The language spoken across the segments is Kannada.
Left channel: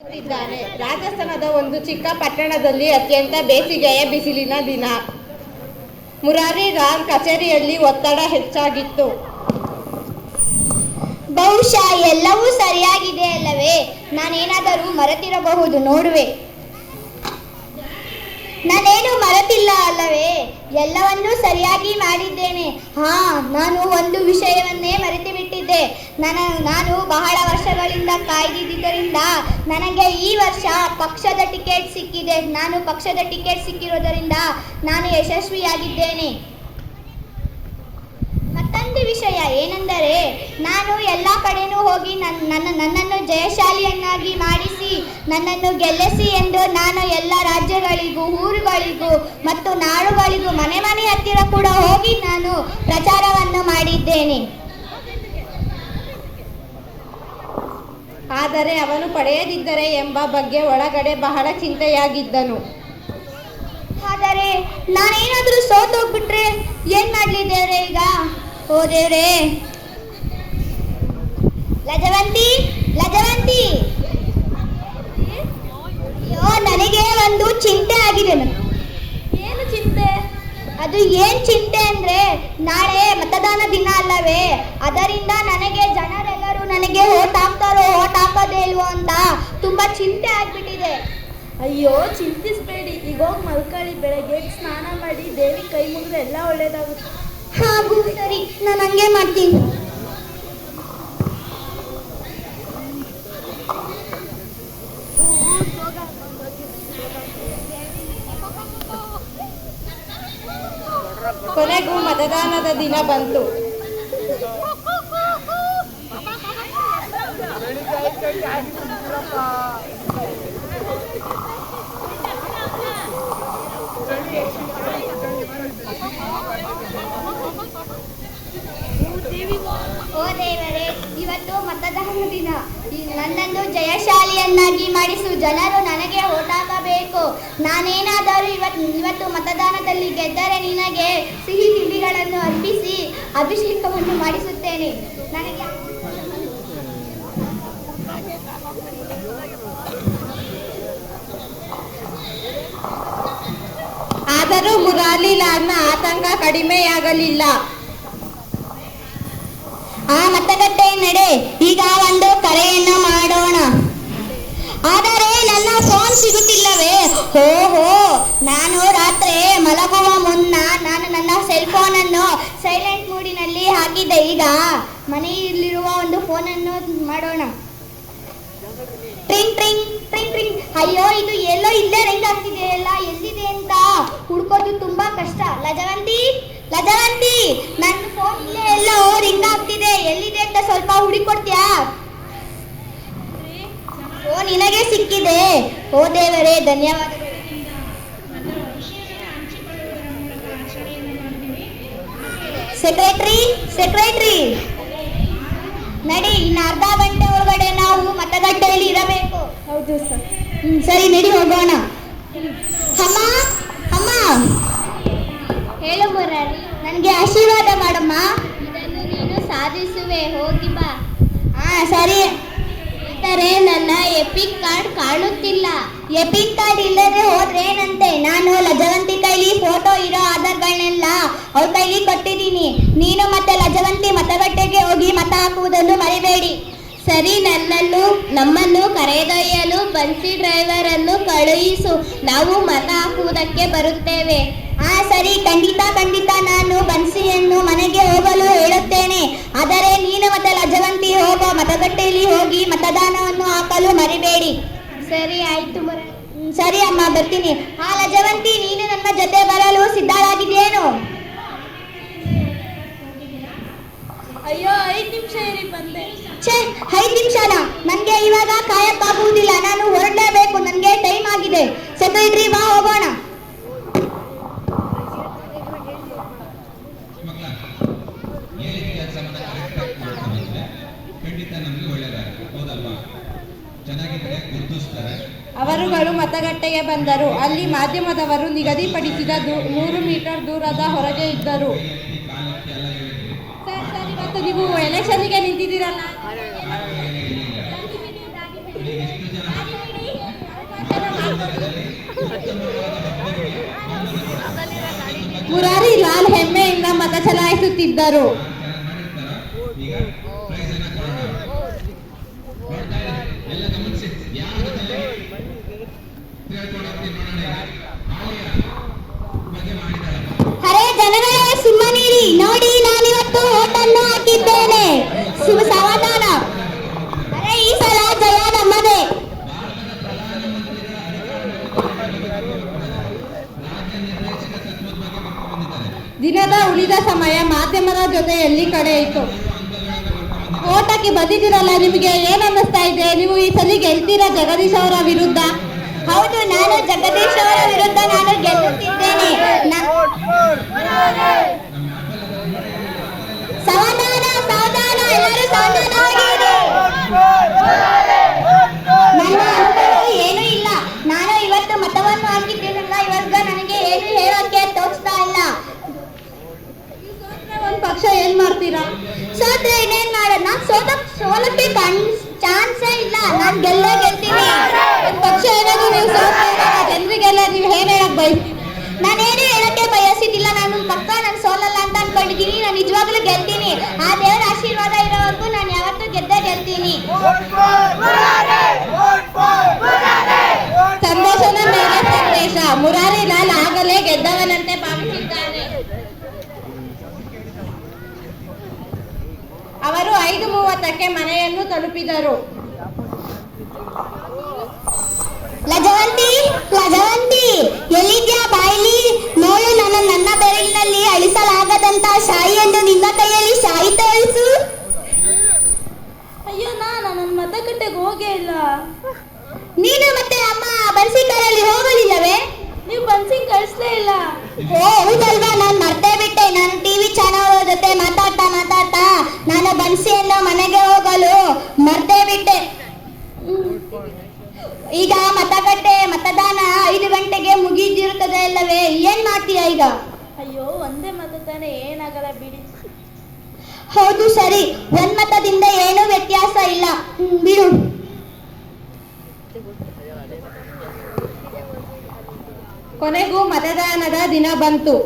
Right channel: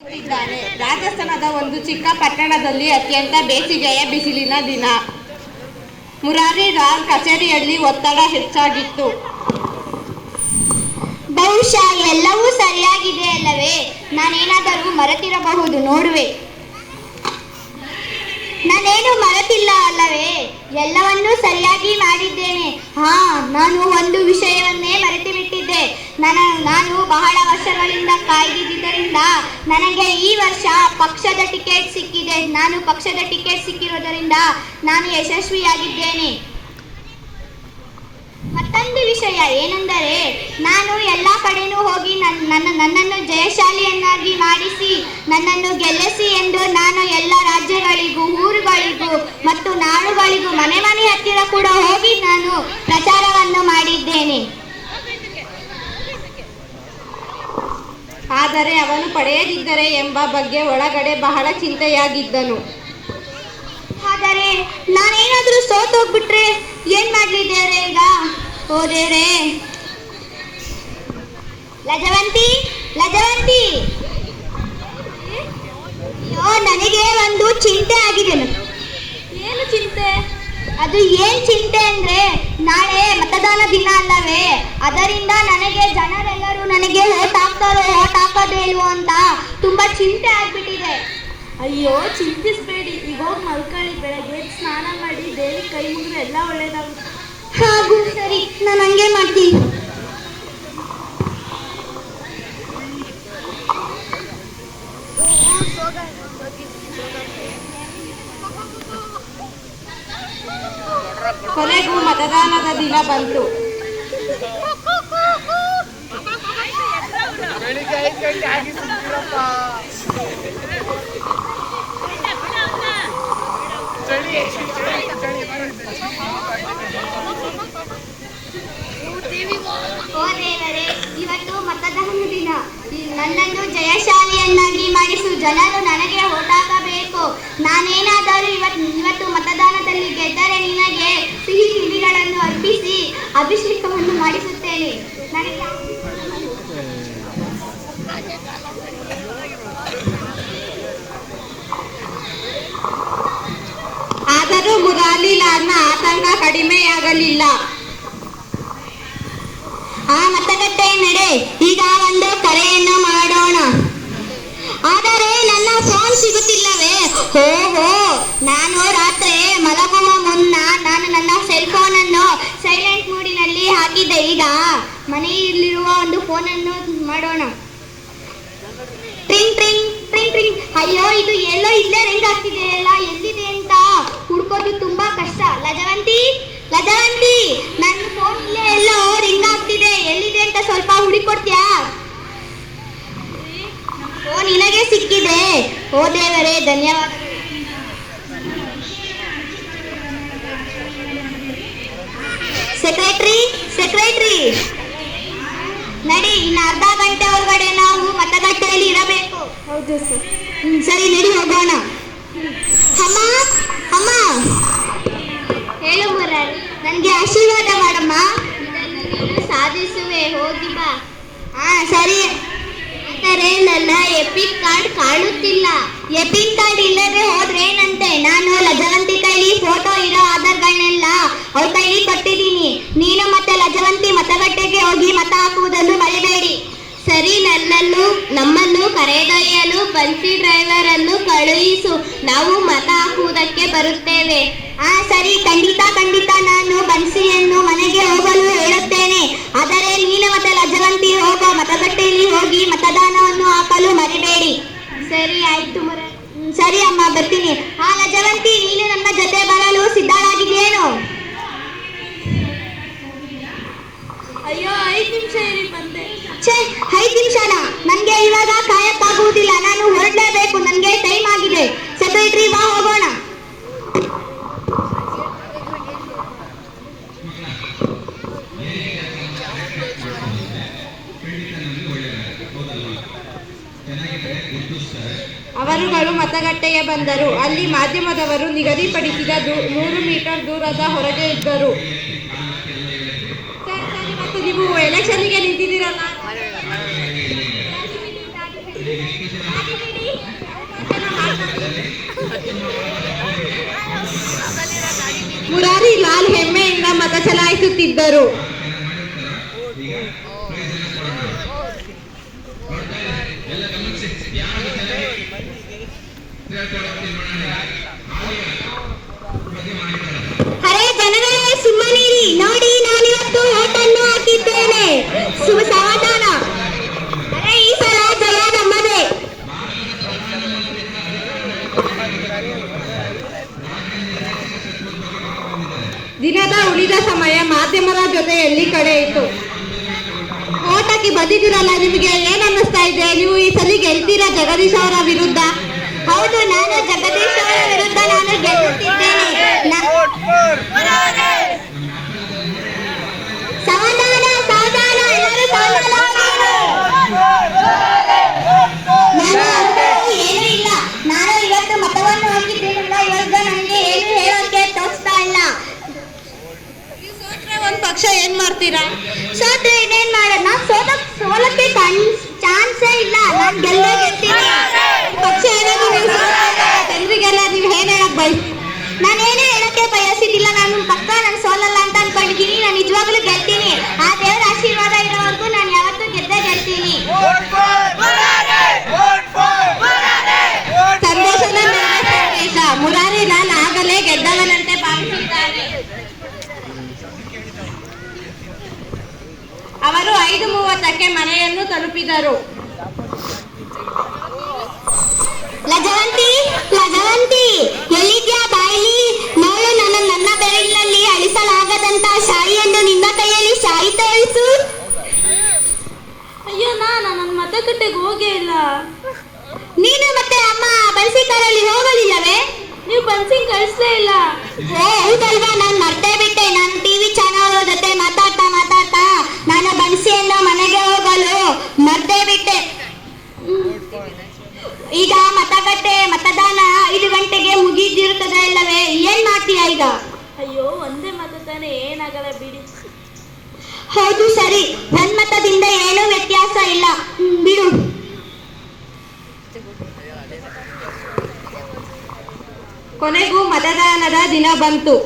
ಇದ್ದಾನೆ. ರಾಜಸ್ಥಾನದ ಒಂದು ಚಿಕ್ಕ ಪಟ್ಟಣದಲ್ಲಿ ಅತ್ಯಂತ ಬೇಸಿಗೆಯ ಬಿಸಿಲಿನ ದಿನ. ಮುರಾರಿ ರಾವ್ ಕಚೇರಿಯಲ್ಲಿ ಒತ್ತಡ ಹೆಚ್ಚಾಗಿತ್ತು. ಬಹುಶಃ ಎಲ್ಲವೂ ಸರಿಯಾಗಿದೆ ಅಲ್ಲವೇ? ನಾನೇನಾದರೂ ಮರೆತಿರಬಹುದು ನೋಡುವೆ. ನಾನೇನು ಮರೆತಿಲ್ಲ ಅಲ್ಲವೇ? ಎಲ್ಲವನ್ನೂ ಸರಿಯಾಗಿ ಮಾಡಿದ್ದೇನೆ. ನಾನು ಒಂದು ವಿಷಯವನ್ನೇ ಮರೆತು ಬಿಟ್ಟಿದ್ದೆ. ನಾನು ಬಹಳ ವರ್ಷಗಳಿಂದ ಕಾಯ್ದಿದ್ದರಿಂದ ನನಗೆ ಈ ವರ್ಷ ಪಕ್ಷದ ಟಿಕೆಟ್ ಸಿಕ್ಕಿದೆ. ಪಕ್ಷದ ಟಿಕೆಟ್ ಸಿಕ್ಕಿರೋದರಿಂದ ನಾನು ಯಶಸ್ವಿಯಾಗಿದ್ದೇನೆ. ಮತ್ತೊಂದು ವಿಷಯ ಏನೆಂದರೆ, ನಾನು ಎಲ್ಲ ಕಡೆನೂ ಹೋಗಿ ನನ್ನನ್ನು ಜಯಶಾಲಿಯನ್ನಾಗಿ ಮಾಡಿಸಿ ನನ್ನನ್ನು ಗೆಲ್ಲಿಸಿ ಎಂದು ನಾನು ಎಲ್ಲ ರಾಜ್ಯಗಳಿಗೂ, ಊರುಗಳಿಗೂ ಮತ್ತು ನಾಡುಗಳಿಗೂ ಮನೆ ಹತ್ತಿರ ಕೂಡ ಹೋಗಿ ನಾನು ಪ್ರಚಾರವನ್ನು ಮಾಡಿದ್ದೇನೆ. ಆದರೆ ಅವನು ಪಡೆಯದಿದ್ದರೆ ಎಂಬ ಬಗ್ಗೆ ಒಳಗಡೆ ಬಹಳ ಚಿಂತೆಯಾಗಿದ್ದನು. ಆದರೆ ನಾನೇನಾದರೂ ಸೋತೋಗ್ಬಿಟ್ರೆ ಏನ್ ಮಾಡ್ಲಿ ದೇವ್ರೆ ಈಗ? ಓ ದೇವ್ರೆ, ಲಜವಂತಿ, ನನಗೆ ಒಂದು ಚಿಂತೆ ಆಗಿದೆ. ಏನು ಚಿಂತೆ? ಅದು ಏನ್ ಚಿಂತೆ ಅಂದ್ರೆ, ನಾಳೆ ಮತದಾನ ದಿನ ಅಲ್ಲವೇ? ಅದರಿಂದ ನನಗೆ ಜನರೆಲ್ಲರೂ ನನಗೆ ಓಟ್ ಹಾಕ್ತಾರೋ ಓಟ್ ಹಾಕೋದೇ ಇಲ್ವೋ ಅಂತ ತುಂಬಾ ಚಿಂತೆ ಆಗ್ಬಿಟ್ಟಿದೆ. ಅಯ್ಯೋ, ಚಿಂತಿಸಬೇಡಿ. ಈಗ ಹೋಗಿ ಮಲ್ಕೊಳ್ಳಿ. ಬೆಳಗ್ಗೆ ಸ್ನಾನ ಮಾಡಿ ದೇವಿ ಕೈ ಮುಗಿದ್ರೆ ಎಲ್ಲ ಒಳ್ಳೇದಾಗುತ್ತೆ. ಹಾಗೂ ಸರಿ, ನಾನು ಹಂಗೆ ಮಾಡ್ತೀನಿ. ಕೊನೆಗೂ ಮತದಾನದ ದಿನ ಬಂತು. ಓ ದೇವರೇ, ಇವತ್ತು ಮತದಾನ ದಿನ. ನನ್ನನ್ನು ಜಯಶಾಲಿಯನ್ನಾಗಿ ಮಾಡಿಸು. ಜನರು ನನಗೆ ಓಟ್ ಹಾಕಬೇಕು. ನಾನೇನಾದರೂ ಇವತ್ತು ಮತದಾನದಲ್ಲಿ ಗೆದ್ದರೆ ನಿನಗೆ ಸಿಹಿ ತಿಂಡಿಗಳನ್ನು ಅರ್ಪಿಸಿ ಅಭಿಷೇಕವನ್ನು ಮಾಡಿಸುತ್ತೇನೆ. ಆದರೂ ಮುರಾರಿಲಾಲ್ನ ಆತಂಕ ಕಡಿಮೆಯಾಗಲಿಲ್ಲ. ಮತಗಟ್ಟೆ ನಡೆ, ಈಗ ಒಂದು ಕರೆಯನ್ನು ಮಾಡೋಣ. ಆದರೆ ನನ್ನ ಫೋನ್ ಸಿಗುತ್ತಿಲ್ಲವೇ? ಓಹೋ, ನಾನು ರಾತ್ರಿ ಮಲಗುವ ಮುನ್ನ ನನ್ನ ಸೆಲ್ ಫೋನ್ ಅನ್ನು ಸೈಲೆಂಟ್ ಮೋಡಿನಲ್ಲಿ ಹಾಕಿದ್ದೆ. ಈಗ ಮನೆಯಲ್ಲಿರುವ ಒಂದು ಫೋನನ್ನು ಮಾಡೋಣ. ಟ್ರಿಂಗ್ ಟ್ರಿಂಗ್ ಟ್ರಿಂಗ್ ಟ್ರಿಂಗ್. ಅಯ್ಯೋ, ಇದು ಎಲ್ಲೋ ಇಲ್ಲೇ ರಿಂಗ್ ಆಗ್ತಿದೆ ಅಲ್ಲ, ಎಲ್ಲಿದೆ ಅಂತ ಹುಡ್ಕೋದು ತುಂಬಾ ಕಷ್ಟ. ಲಜವಂತಿ, ನನ್ನ ಫೋನ್ ಎಲ್ಲೋ ರಿಂಗ್ ಆಗ್ತಿದೆ, ಎಲ್ಲಿದೆ ಅಂತ ಸ್ವಲ್ಪ ಹುಡುಕೊಡ್ತೀಯಾ? ಓ, ನಿನಗೆ ಸಿಕ್ಕಿದೆ. ಓ ದೇವರೇ, ಧನ್ಯವಾದ. ಸೆಕ್ರೆಟರಿ, ನಡಿ. ಇನ್ನು ಅರ್ಧ ಗಂಟೆ ಒಳಗಡೆ ನಾವು ಮತಗಟ್ಟೆಯಲ್ಲಿ ಇರಬೇಕು. ಹೌದು ಸರ್. ಸರಿ, ನಡಿ ಹೋಗೋಣ. ಅಮ್ಮ, ಹೇಳು ಮುರಾರಿ. ನನಗೆ ಆಶೀರ್ವಾದ ಮಾಡಮ್ಮ. ಇದನ್ನು ನೀನು ಸಾಧಿಸುವೆ, ಹೋಗಿ ಬಾ. ಸರಿ. ಆದರೆ ನನ್ನ ಎಪಿಕ್ ಕಾರ್ಡ್ ಕಾಣುತ್ತಿಲ್ಲ. ಎಪಿಕ್ ಕಾರ್ಡ್ ಇಲ್ಲದೆ ಹೋದ್ರೆ ಏನಂತೆ? ನಾನು ಲಜವಂತಿ ಕೈಲಿ ಫೋಟೋ ಇರೋ ಆಧಾರ್ಗಳನ್ನೆಲ್ಲ ಅವ್ರ ಕೈಲಿ ಕೊಟ್ಟಿದ್ದೀನಿ. ನೀನು ಮತ್ತೆ ಲಜವಂತಿ ಮತಗಟ್ಟೆಗೆ ಹೋಗಿ ಮತ ಹಾಕುವುದನ್ನು ಮರಿಬೇಡಿ. ಸರಿ, ನಮ್ಮನ್ನು ಕರೆದೊಯ್ಯಲು ಬನ್ಸಿ ಡ್ರೈವರ್ ಅನ್ನು ಕಳುಹಿಸು. ನಾವು ಮತ ಹಾಕುವುದಕ್ಕೆ ಬರುತ್ತೇವೆ. ಸರಿ, ಖಂಡಿತ ನಾನು ಬನ್ಸಿಯನ್ನು ಮನೆಗೆ ಹೋಗಲು ಹೇಳುತ್ತೇನೆ. ಆದರೆ ನೀನು ಮತ್ತೆ ಲಜವಂತಿ ಹೋಗೋ ಮತಗಟ್ಟೆಯಲ್ಲಿ ಹೋಗಿ ಮತದಾನವನ್ನು ಹಾಕಲು ಮರಿಬೇಡಿ. ಸರಿ, ಆಯ್ತು ಮುರಾರಿ. ಸರಿ ಅಮ್ಮ, ಬರ್ತೀನಿ. ಲಜವಂತಿ, ನೀನು ನನ್ನ ಜೊತೆ ಬರಲು ಸಿದ್ಧಳಾಗಿದೆಯೇನು? ಅಯ್ಯೋ, 5 ನಿಮಿಷ ಇರಿ, ಬಂದೆ. 5 ನಿಮಿಷನ? ನನಗೆ ಇವಾಗ ಕಾಯಕ್ಕಾಗುವುದಿಲ್ಲ. ನಾನು ಹೊರಡಲೇಬೇಕು. ನನಗೆ ಟೈಮ್ ಆಗಿದೆ. ಸೆಕ್ರೆಟರಿ, ಬಾ ಹೋಗೋಣ. ಅವರುಗಳು ಮತಗಟ್ಟೆಗೆ ಬಂದರು. ಅಲ್ಲಿ ಮಾಧ್ಯಮದವರು ನಿಗದಿಪಡಿಸಿದ 100 ಮೀಟರ್ ದೂರದ ಹೊರಗೆ ಇದ್ದರು. ಇವತ್ತು ನೀವು ಎಲೆಕ್ಷನ್ಗೆ ನಿಂತಿದ್ದೀರಲ್ಲ? ಅರೆ ಜನಗಳೇ ಸುಮ್ಮನಿರಿ, ನೋಡಿ ನಾನಿವತ್ತು ಓಟನ್ನು ಹಾಕಿದ್ದೇನೆ. ಸಮಾಧಾನ. ಅರೆ ಈ ಸಲ ಜಯ ನಮ್ಮದೇ. ದಿನದ ಉಳಿದ ಸಮಯ ಮಾಧ್ಯಮದ ಜೊತೆಯಲ್ಲಿ ಕಳೆಯಿತು. ಓಟಕ್ಕೆ ಬಂದಿದ್ದೀರಲ್ಲ, ನಿಮಗೆ ಏನ್ ಅನ್ನಿಸ್ತಾ ಇದೆ? ನೀವು ಈ ಸಲ ಗೆಲ್ತೀರಾ ಜಗದೀಶ್ ಅವರ ವಿರುದ್ಧ? ಹೌದು, ನಾನು ಜಗದೀಶ್ ಅವರ ವಿರುದ್ಧ ನಾನು ಗೆಲ್ಲುತ್ತಿದ್ದೇನೆ. ಸಮಾಧಾನ ಸಮಾಧಾನ, ಎಲ್ಲರೂ ಸಮಾಧಾನವಾಗಿರಿ. ಏನೂ ಇಲ್ಲ, ನಾನು ಇವತ್ತು ಮತವನ್ನು ಹಾಕಿದ್ದೇನಲ್ಲ, ಇವಾಗ ನನಗೆ ಏನು ಹೇಳೋಕೆ ತೋಚ್ತಾ ಇಲ್ಲ. ಒಂದ್ ಪಕ್ಷ ಏನ್ ಮಾಡ್ತೀರಾ? ಸೋತ್ರೆ ಇನ್ನೇನ್ ಮಾಡೋಣ? ಸೋಲಕ್ಕೆ ಚಾನ್ಸೇ ಇಲ್ಲ, ನಾನು ಗೆಲ್ತೀನಿ. ಪಕ್ಷ ಏನಾದ್ರು ನೀವು ಜನರಿಗೆಲ್ಲ ನೀವು ಏನ್ ಹೇಳಕ್ ಬಯಸ್ತೀರಾ? ನಾನೇನು ಹೇಳಕ್ಕೆ ಬಯಸಿದ್ದಿಲ್ಲ. ನಾನು ಪಕ್ಕ ನಾನು ಸೋಲಲ್ಲ ಅಂತ ಅನ್ಕೊಂಡಿದ್ದೀನಿ. ನಾನು ನಿಜವಾಗ್ಲೂ ಗೆಲ್ತೀನಿ. ಆ ದೇವರ ಆಶೀರ್ವಾದ ಇರೋವರೆಗೂ ನಾನು ಯಾವತ್ತೂ ಗೆದ್ದೇ ಗೆಲ್ತೀನಿ. ಸಂದೇಶದ ಮೇಲೆ ಸಂದೇಶ. ಮುರಾರಿ ಲಾಲ್ ಆಗಲೇ ಗೆದ್ದವನಂತೆ ಭಾವಿಸಿದ್ದಾರೆ. ಅವರು 5:30ಕ್ಕೆ ಮನೆಯನ್ನು ತಲುಪಿದರು. ಲಜವಂತಿ, ಲಜವಂತಿ, ಎಲ್ಲಿದ್ಯಾ? ಬಾಯಿಲಿ ನೋಡು, ನನ್ನ ಬೆರಳಿನಲ್ಲಿ ಅಳಿಸಲಾಗದಂತ ಶಾಯಿಯನ್ನು ನಿನ್ನ ಕೈಯಲ್ಲಿ ಶಾಯಿ ತೋರಿಸು. ಅಯ್ಯೋ, ನನ್ನ ಮತಗಟ್ಟೆಗೆ ಹೋಗೇ ಇಲ್ಲ. ನೀನು ಮತ್ತೆ ಅಮ್ಮ ಬನ್ಸಿ ಕಾರಲ್ಲಿ ಹೋಗಲಿಲ್ಲವೇ? ನೀವು ಬನ್ಸಿ ಕಳಿಸ್ಲೇ ಇಲ್ಲ. ಓ ಹೌದಲ್ವಾ, ನಾನು ಮರ್ತೇ ಬಿಟ್ಟೆ. ನಾನು ಟಿವಿ ಚಾನಲ್ ಜೊತೆ ಮಾತಾಡ್ತಾ ನಾನು ಬನ್ಸಿಯನ್ನು ಮನೆಗೆ ಹೋಗಲು ಮರ್ತೇ ಬಿಟ್ಟೆ. ಈಗ ಮತದಾನ 5 ಗಂಟೆಗೆ ಮುಗಿದಿರುತ್ತದೆ ಅಲ್ಲವೇ? ಏನ್ ಮಾಡ್ತೀಯಾ ಈಗ? ಅಯ್ಯೋ, ಒಂದೇ ಮತ ತಾನೆ, ಏನಾಗಲ್ಲ ಬಿಡಿ. ಹೌದು ಸರಿ, ಒಂದ್ ಮತದಿಂದ ಏನೂ ವ್ಯತ್ಯಾಸ ಇಲ್ಲ, ಬಿಡು. ಕೊನೆಗೂ ಮತದಾನದ ದಿನ ಬಂತು.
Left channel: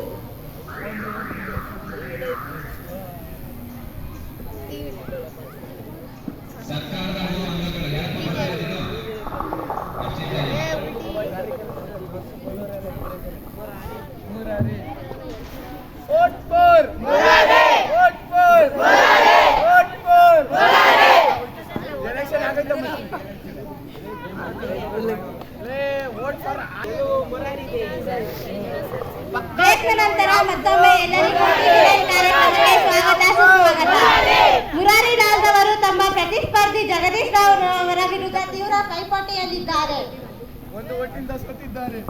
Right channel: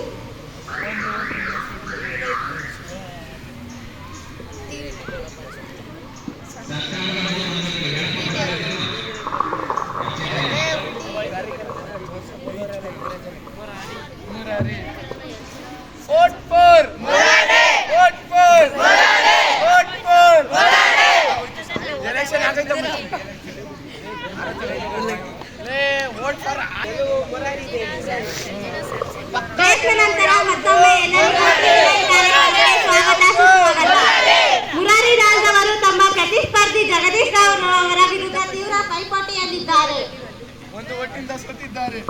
ಬ್ರೇಕ್ನ ನಂತರ ಮತ್ತೊಮ್ಮೆ ಎಲ್ಲರಿಗೂ ಸ್ವಾಗತ ಸುಸ್ವಾಗತ. ಮುರಾರಿ ಲಾಲ್ ಅವರು ತಮ್ಮ ಪ್ರತಿಸ್ಪರ್ಧಿ ಜಗದೀಶ್ ರಾವ್ ಅವರ ವಿರುದ್ಧ ತೀವ್ರ ಪೈಪೋಟಿಯಲ್ಲಿದ್ದಾರೆ. ಒಂದು ಒಟ್ಟಿಂದ ಸೋತಿದ್ದಾರೆ.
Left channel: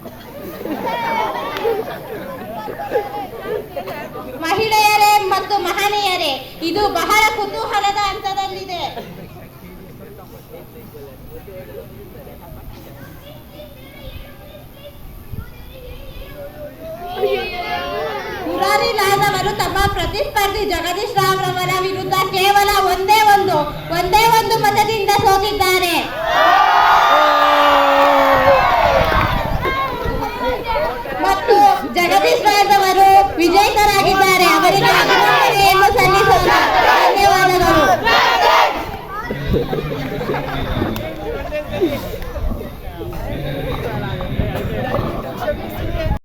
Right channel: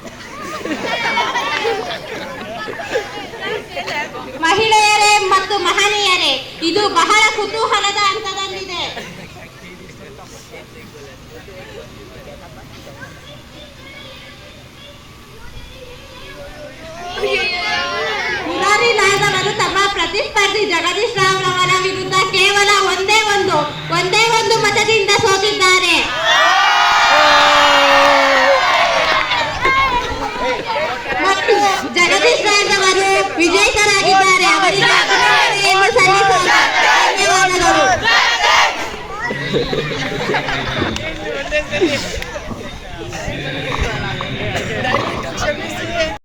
ಮಹಿಳೆಯರೇ ಮತ್ತು ಮಹನೀಯರೇ, ಇದು ಬಹಳ ಕುತೂಹಲದ ಹಂತದಲ್ಲಿದೆ. ಮುರಾರಿ ಲಾಲ್ ಅವರು ತಮ್ಮ ಪ್ರತಿಸ್ಪರ್ಧಿ ಜಗದೀಶ್ ರಾವ್ ಅವರ ವಿರುದ್ಧ ಕೇವಲ ಒಂದೇ ಒಂದು ಮತದಿಂದ ಸೋತಿದ್ದಾರೆ. ಮತ್ತು ಜಗದೀಶ್ ರಾವ್ ಅವರು ವಿಜೇತರಾಗಿದ್ದಾರೆ. ಅವರಿಗೆ ಅಭಿನಂದನೆಯನ್ನು ಸಲ್ಲಿಸಲು ಧನ್ಯವಾದಗಳು.